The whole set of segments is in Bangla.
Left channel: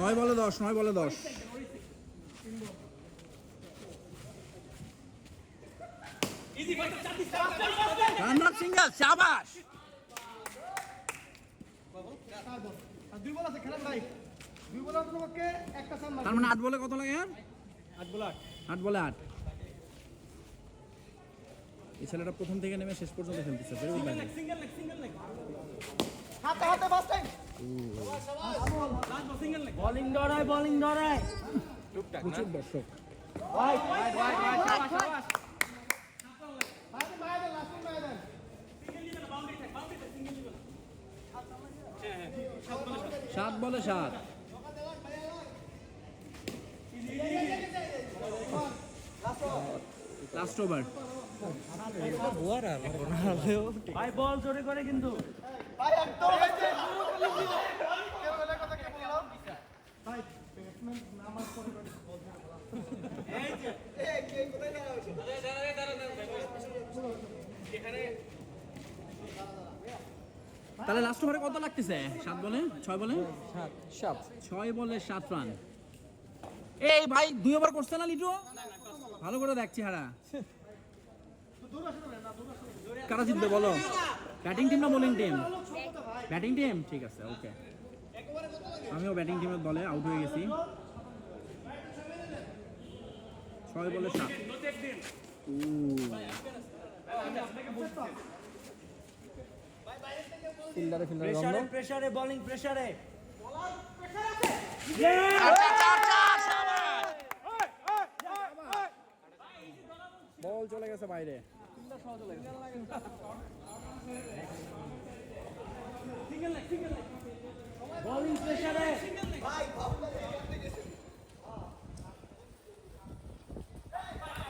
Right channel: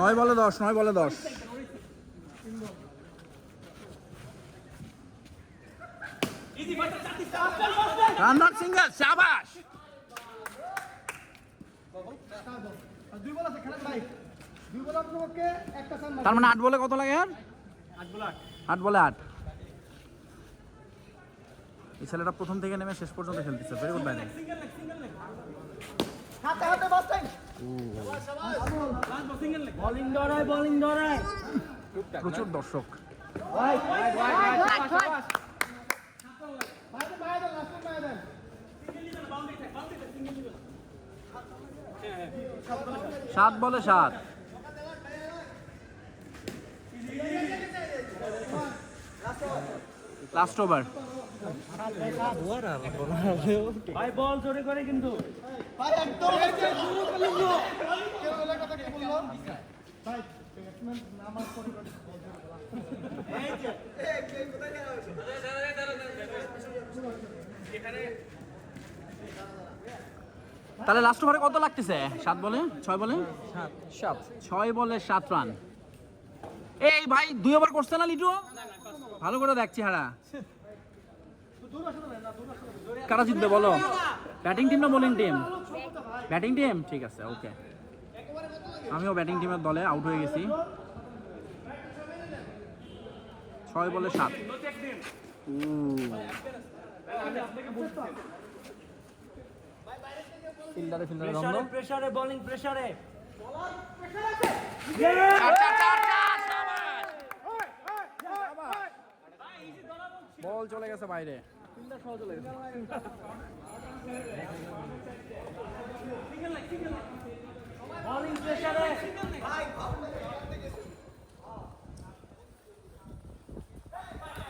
নয় বলে দশ নয় বলে দশ। রান্নার সান তার মানে আট বলে কত লাগে আর? আট বলে আট। এই ছেলেটা প্রথম থেকে নেমে শেষ পর্যন্ত খেলতেছে। ভেরি গুড ব্যাটিং হাতে হাতে টাইম বোলিং বোলিং প্রচুর দর্শক। লাস্ট মায়া দেন সাত বলে সাত। লাস্ট ওভার ভাই বল জোরে করে কিন্তু। তাহলে লাস্ট ওভারে কত লাগতেছে? সাত বলে? ছয় বলে? ছয় বলে সাত রান। এই ভাই, দুই ওভার করছে না লিটু? ভালো করে দেখছি হারা কারা জিতবে বলো? ব্যাটিং টিম না বোলিং টিম ব্যাটিং টিম ঠিক আছে ওকে আমিও ব্যাটিং টিমের দলে আউট হয়ে গেছি। ছয় বলে সাত। বোলিং চলে গেছে বাইরে বোলিং প্রেসারে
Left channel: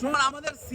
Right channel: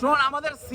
শোন আমাদের